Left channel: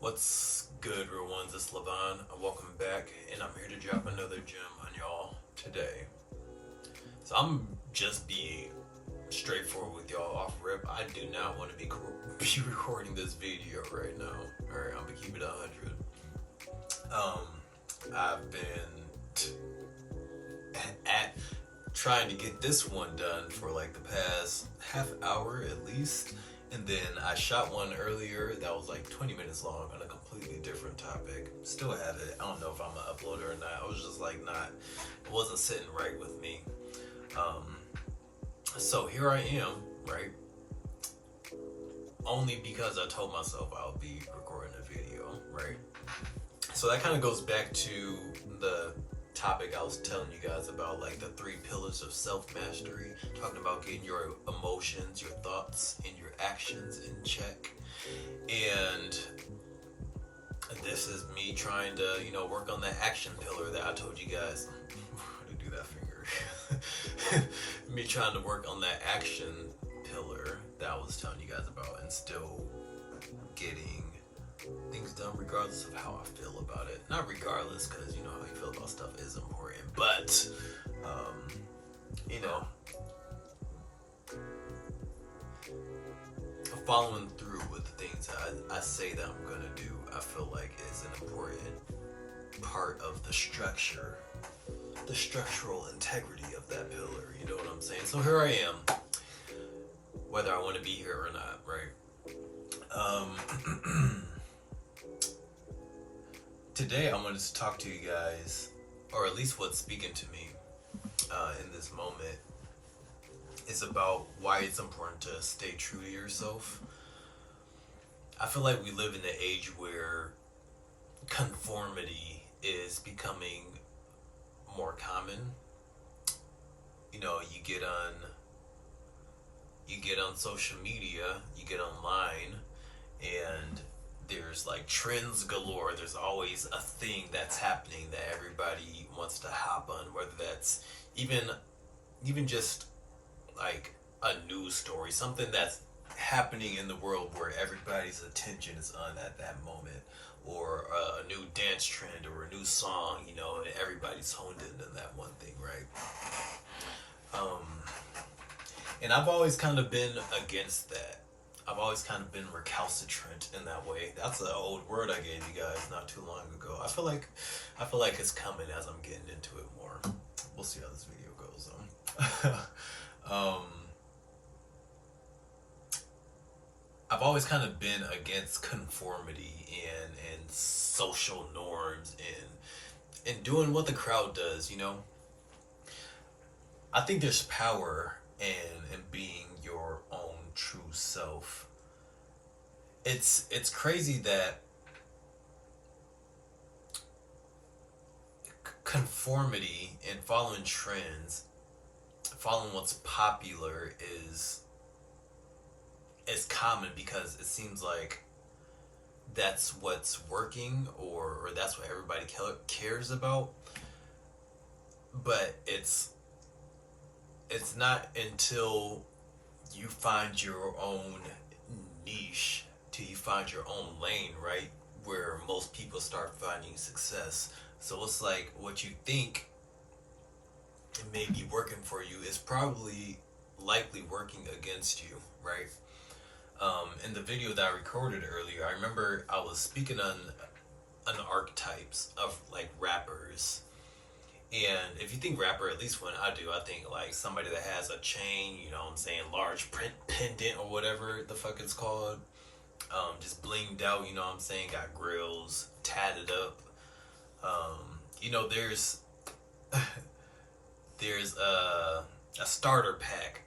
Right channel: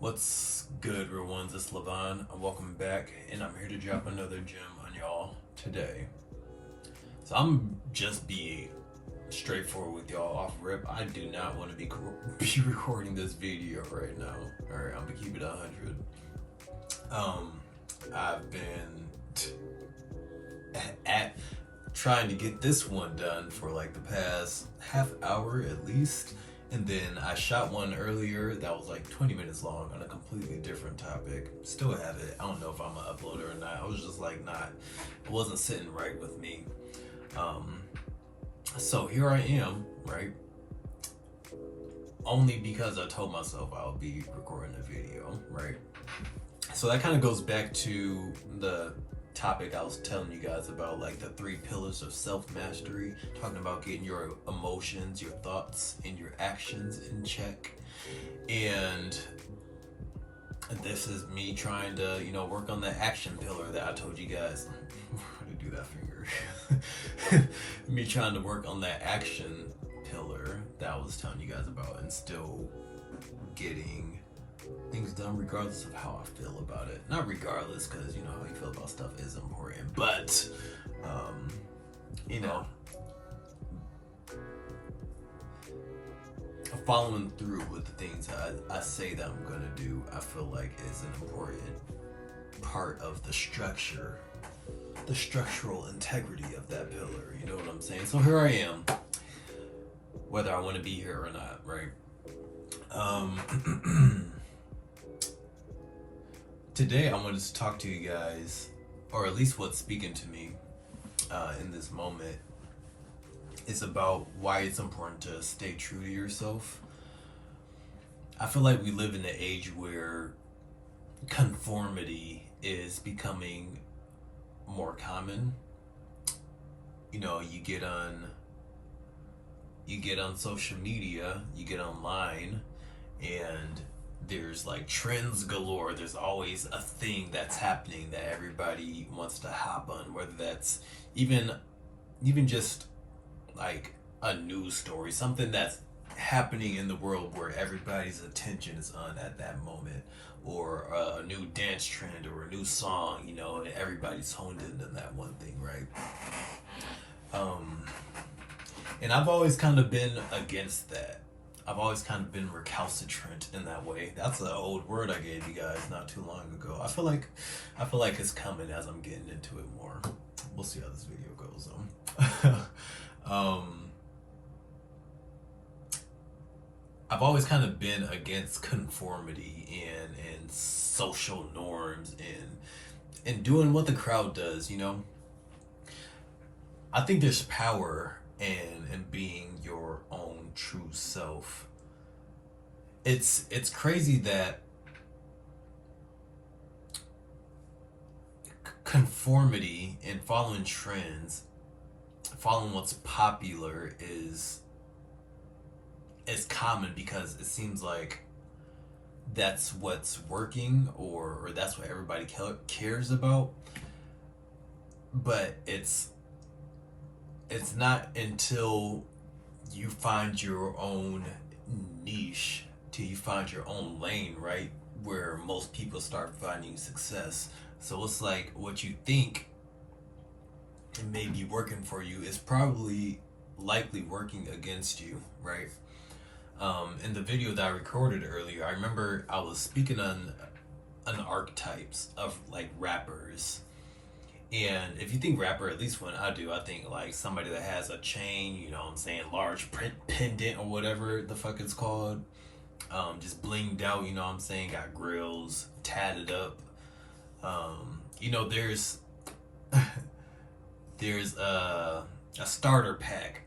What's good, real ones? It's Levon. Welcome back, and I'm here to drop another gem on y'all today. So I'm just be straightforward with y'all off rip. I do not want to be recording this video right now. All right, I'm gonna keep it 100. I've been at trying to get this one done for like the past half hour at least. And then I shot one earlier that was like 20 minutes long on a completely different topic. Still have it. I don't know if I'm gonna upload it or not. I was just like it wasn't sitting right with me. So here I am, right? Only because I told myself I'll be recording a video, right? So that kind of goes back to the topic I was telling you guys about, like the 3 pillars of self-mastery, talking about getting your emotions, your thoughts, and your actions in check. And this is me trying to, work on the action pillar that I told you guys. to do that finger. Me trying to work on that action pillar that I was telling you guys about, and still getting things done regardless of how I feel about it. Not regardless, because how you feel about stuff is important, but following through with the things I say that I'm gonna do, I feel like is an important part of the structure, the structural integrity of that pillar. You know what I'm saying? So here I am, whether I want to be here or not, right? Today I wanted to talk to you guys, or at least what's speaking to me in this moment, is about why it's important to stay true to yourself. I feel like we live in an age where conformity is becoming more common. You get on social media, you get online, and there's like trends galore. There's always a thing that's happening that everybody wants to hop on, whether that's even just like a news story, something that's happening in the world where everybody's attention is on at that moment, or a new dance trend or a new song, and everybody's honed in on that one thing, right? And I've always kind of been against that. I've always kind of been recalcitrant in that way. That's an old word I gave you guys not too long ago. I feel like it's coming as I'm getting into it more. We'll see how this video goes. I've always kind of been against conformity and social norms and doing what the crowd does. I think there's power in being your own true self. It's crazy that conformity and following trends, following what's popular is common, because it seems like that's what's working, or that's what everybody cares about. But it's not until you find your own niche, till you find your own lane, right, where most people start finding success. So it's like what you think may be working for you is probably likely working against you, right? In the video that I recorded earlier, I remember I was speaking on archetypes of like rappers. And if you think rapper, at least when I do, I think like somebody that has a chain, large pendant or whatever the fuck it's called, just blinged out, got grills, tatted up. There's a starter pack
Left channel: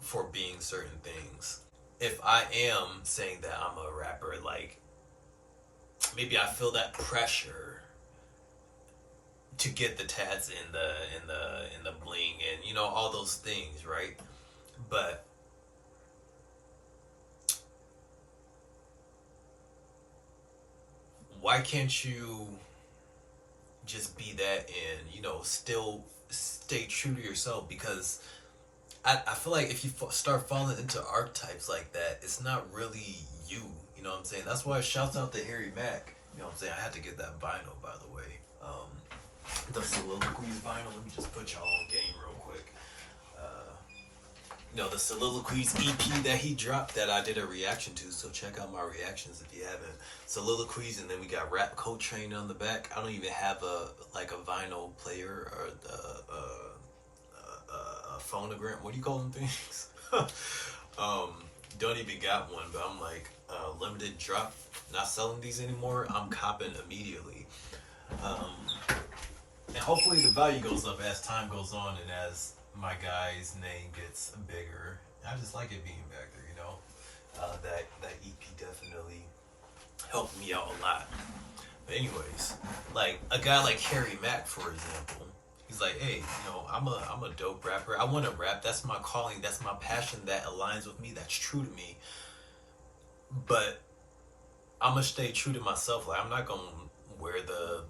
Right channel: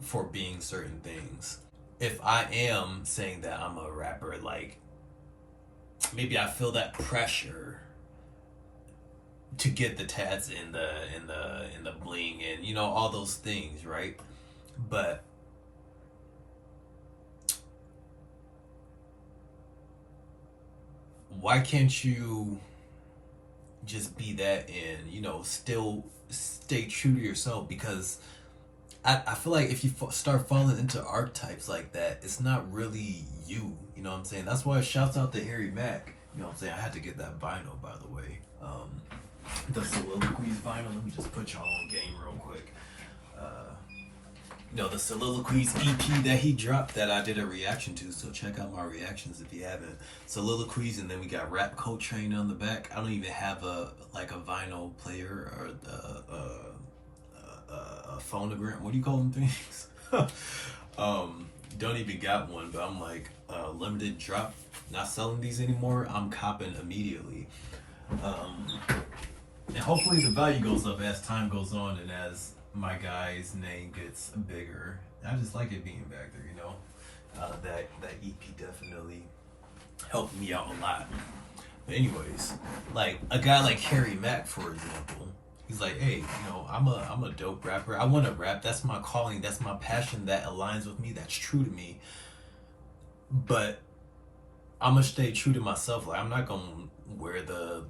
for being certain things. If I am saying that I'm a rapper, like maybe I feel that pressure to get the tats in the bling and all those things, right? But why can't you just be that and still stay true to yourself? Because I feel like if you start falling into archetypes like that, it's not really you. You know what I'm saying? That's why shouts out to Harry Mack. You know what I'm saying? I had to get that vinyl, by the way. The Soliloquies vinyl. Let me just put y'all on game real quick. The Soliloquies EP that he dropped that I did a reaction to. So check out my reactions if you haven't. Soliloquies, and then we got Rap Coltrane on the back. I don't even have a vinyl player or a phonogram. What do you call them things? Don't even got one, but I'm like limited drop. Not selling these anymore. I'm copping immediately. And hopefully the value goes up as time goes on and as my guy's name gets bigger. I just like it being back there, you know. That EP definitely helped me out a lot. But anyways, like a guy like Harry Mack, for example, he's like, hey, I'm a dope rapper. I want to rap. That's my calling. That's my passion. That aligns with me. That's true to me. But I'm gonna stay true to myself. Like I'm not gonna wear the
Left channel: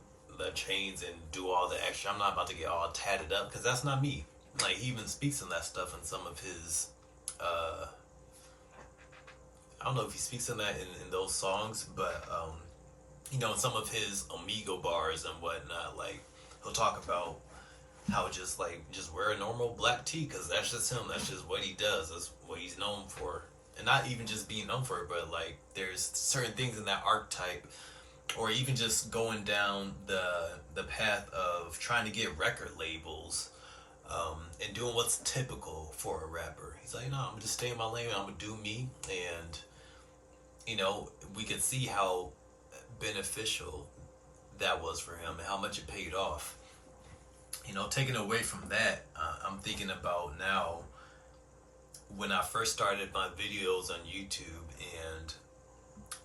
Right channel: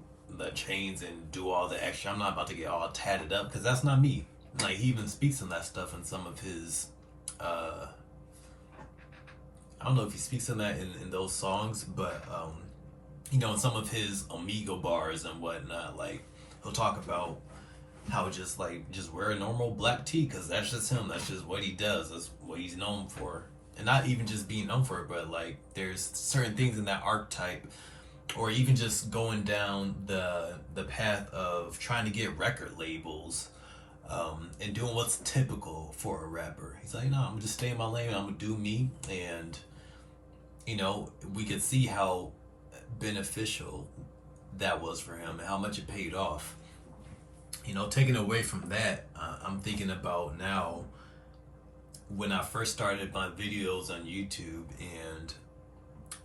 chains and do all the extra. I'm not about to get all tatted up because that's not me. Like he even speaks on that stuff in some of his. I don't know if he speaks on that in those songs, but in some of his Omegle bars and whatnot, like he'll talk about how just wear a normal black tee because that's just him. That's just what he does. That's what he's known for, and not even just being known for it, but like there's certain things in that archetype, or even just going down the path of trying to get record labels, and doing what's typical for a rapper. He's like, no, I'm gonna just stay in my lane. I'm gonna do me, and we could see how beneficial that was for him and how much it paid off. Taking away from that, I'm thinking about now when I first started my videos on YouTube and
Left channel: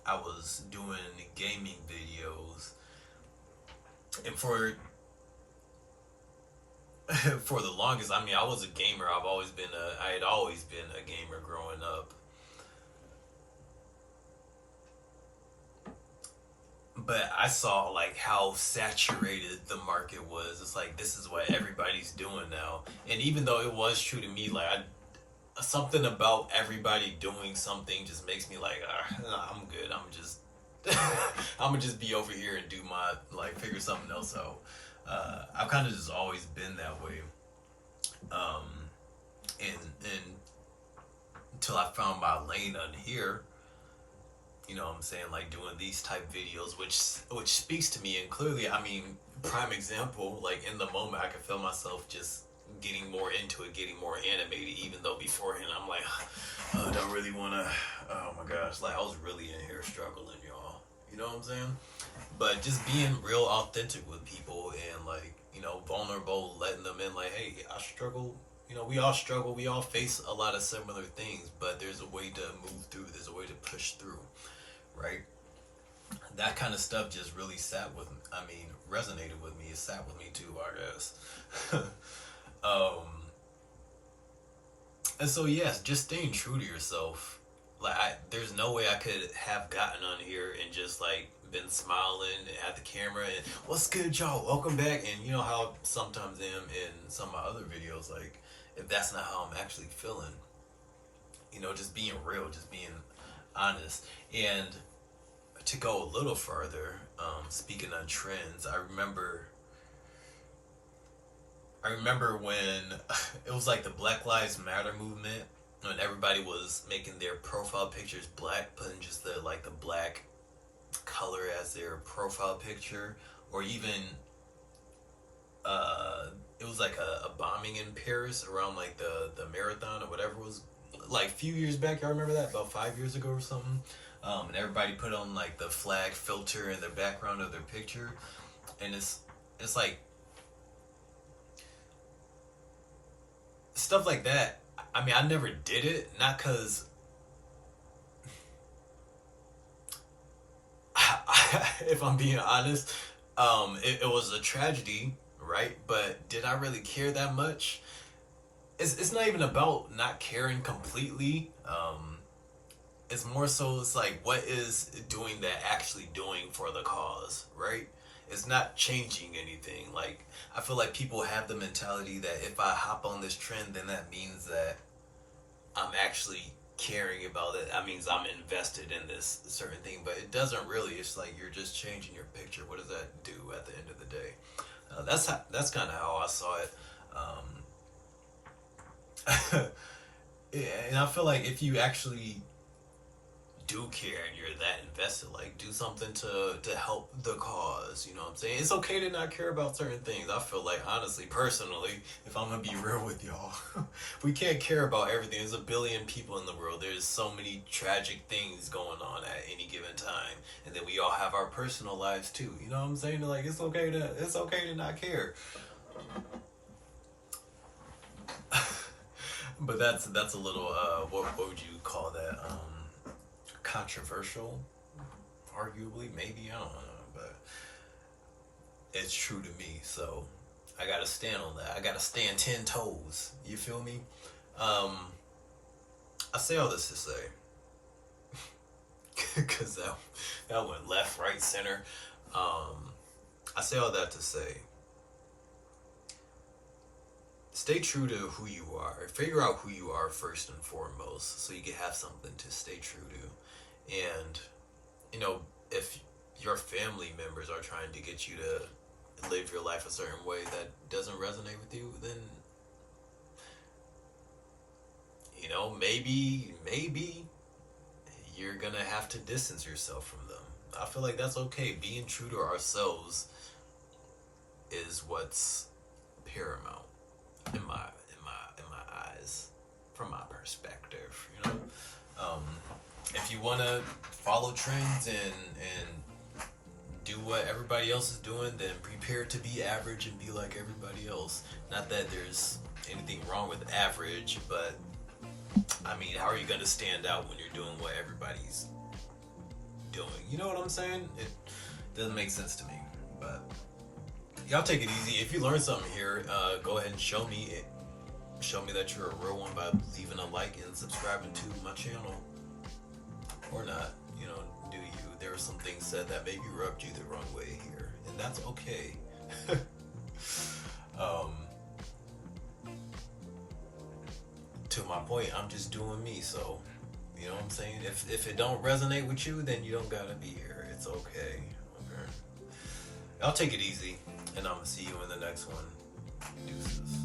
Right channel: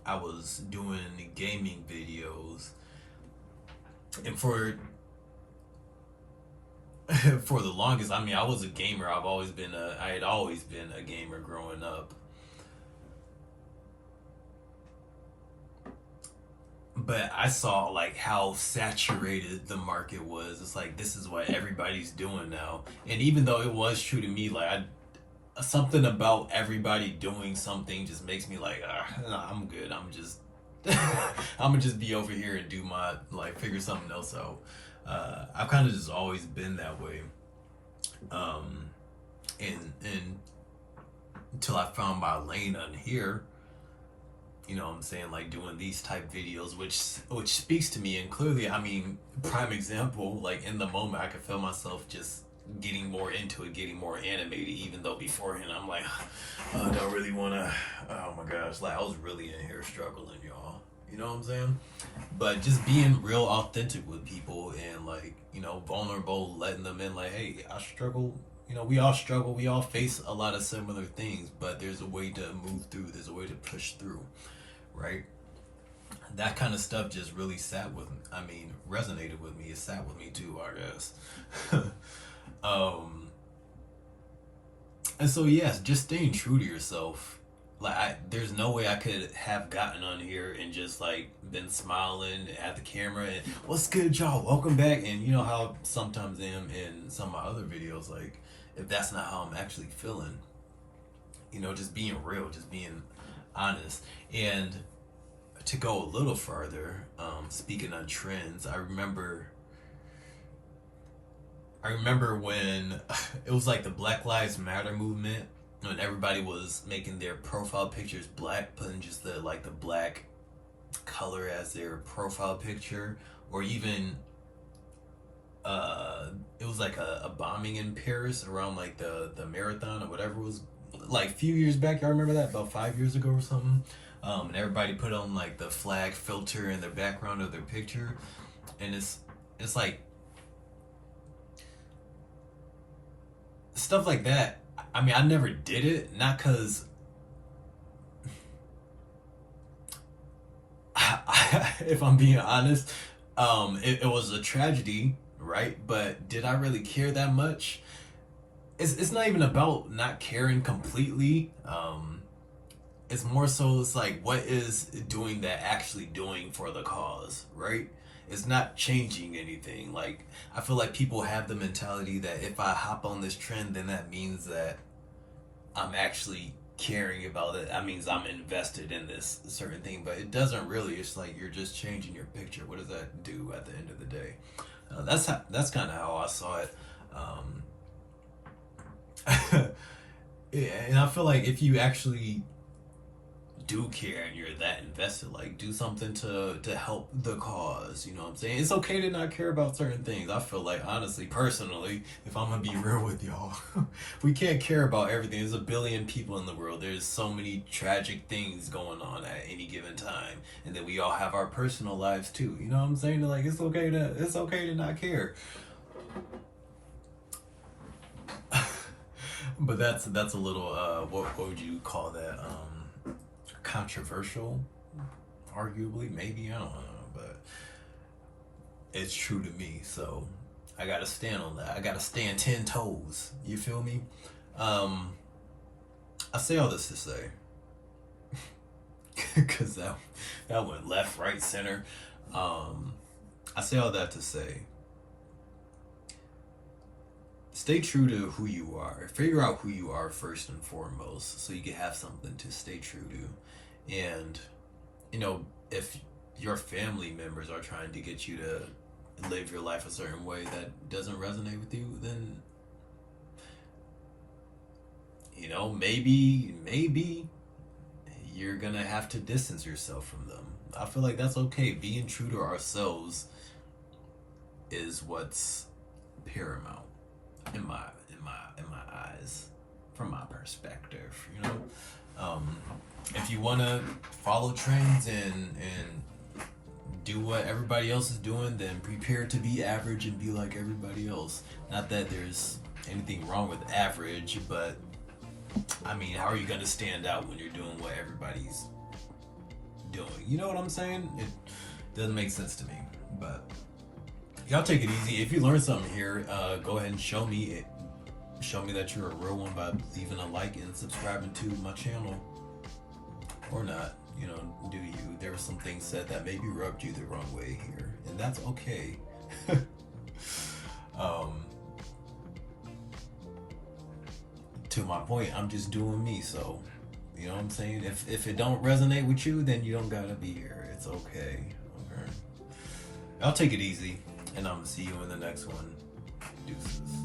I was doing gaming videos, and for the longest, I mean, I was a gamer. I had always been a gamer growing up. But I saw like how saturated the market was. It's like this is what everybody's doing now. And even though it was true to me, like something about everybody doing something just makes me like, nah, I'm good. I'm gonna just be over here and do my figure something else out. I've kind of just always been that way. And until I found my lane on here. You know what I'm saying, like doing these type videos, which speaks to me. And clearly, I mean, prime example, like in the moment I could feel myself just getting more into it, getting more animated, even though beforehand I'm like, I don't really want to, oh my gosh, like I was really in here struggling, y'all. You know what I'm saying? But just being real authentic with people and vulnerable, letting them in like, hey, I struggle. We all struggle. We all face a lot of similar things, but there's a way to move through. There's a way to push through. Right? That kind of stuff just really resonated with me. It sat with me too, I guess. And so, yes, just staying true to yourself. There's no way I could have gotten on here and just been smiling at the camera and what's good, y'all? Welcome back. And you know how sometimes I am in some of my other videos, if that's not how I'm actually feeling, just being real, just being honest. And to go a little further, speaking on trends, I remember when it was like the Black Lives Matter movement, when everybody was making their profile pictures black, putting just the black color as their profile picture, or even it was like a bombing in Paris around the marathon or whatever it was, a few years back. I remember that about 5 years ago or something. And everybody put on the flag filter in the background of their picture, and it's like stuff like that. I mean, I never did it, not because if I'm being honest, it was a tragedy, right? But did I really care that much? It's not even about not caring completely. It's more so it's what is doing that actually doing for the cause, right? It's not changing anything. I feel like people have the mentality that if I hop on this trend, then that means that I'm actually caring about it, that means I'm invested in this certain thing, but it doesn't really. It's like you're just changing your picture. What does that do at the end of the day? That's kind of how I saw it. Yeah, and I feel like if you actually do care and you're that invested, like do something to help the cause. You know what I'm saying? It's okay to not care about certain things. I feel like, honestly, personally, if I'm gonna be real with y'all, we can't care about everything. There's a billion people in the world. There's so many tragic things going on at any given time, and then we all have our personal lives too. You know what I'm saying? Like it's okay to not care. But that's a little what would you call that? Controversial, arguably, maybe, I don't know, but it's true to me. So I gotta stand on that. I gotta stand 10 toes. You feel me? Um, I say all this to say, because that went left, right, center. Um, I say all that to say, stay true to who you are. Figure out who you are first and foremost, so you can have something to stay true to. And you know, if your family members are trying to get you to live your life a certain way that doesn't resonate with you, then you know, maybe you're gonna have to distance yourself from them. I feel like that's okay. Being true to ourselves is what's paramount in my eyes, from my perspective. You know, um, if you want to follow trends and do what everybody else is doing, then prepare to be average and be like everybody else. Not that there's anything wrong with average, but I mean, how are you gonna stand out when you're doing what everybody's doing? You know what I'm saying? It doesn't make sense to me. But y'all take it easy. If you learn something here, go ahead and show me it. Show me that you're a real one by leaving a like and subscribing to my channel. Or not, you know, do you. There were some things said that maybe rubbed you the wrong way here, and that's okay. um, to my point, I'm just doing me, so you know what I'm saying? If it don't resonate with you, then you don't gotta be here. It's okay. Alright. I'll take it easy, and I'm gonna see you in the next one. Deuces.